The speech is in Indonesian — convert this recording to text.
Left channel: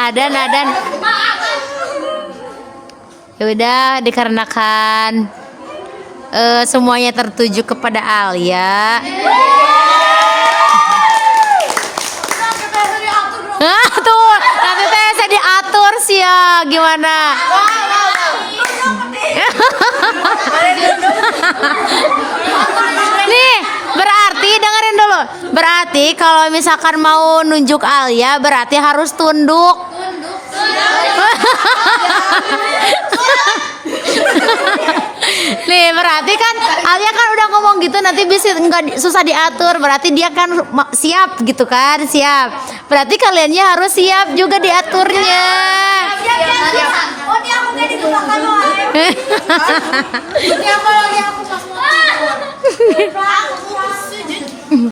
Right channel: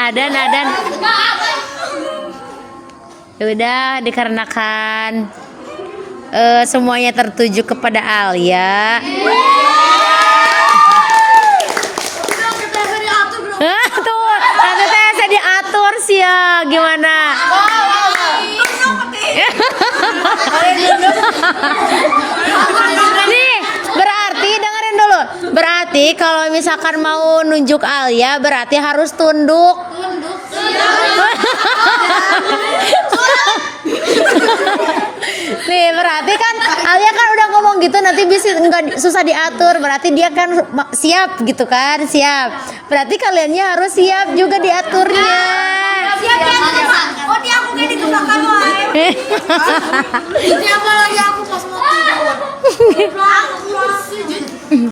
Adan. Ya udah, dikarenakan semuanya tertuju kepada Alia. Tuh, nanti saya diatur sih ya, gimana? Nih, berarti dengerin dulu. Berarti kalau misalkan mau nunjuk Alia, berarti harus tunduk. Nih, berarti kan Alia kan udah ngomong gitu, nanti bisa nggak susah diatur. Berarti dia kan siap gitu kan, siap. Berarti kaliannya harus siap juga diaturnya. Siap. Oh, dia aku kayak di belakang lo. Dia aku pas mau tidur.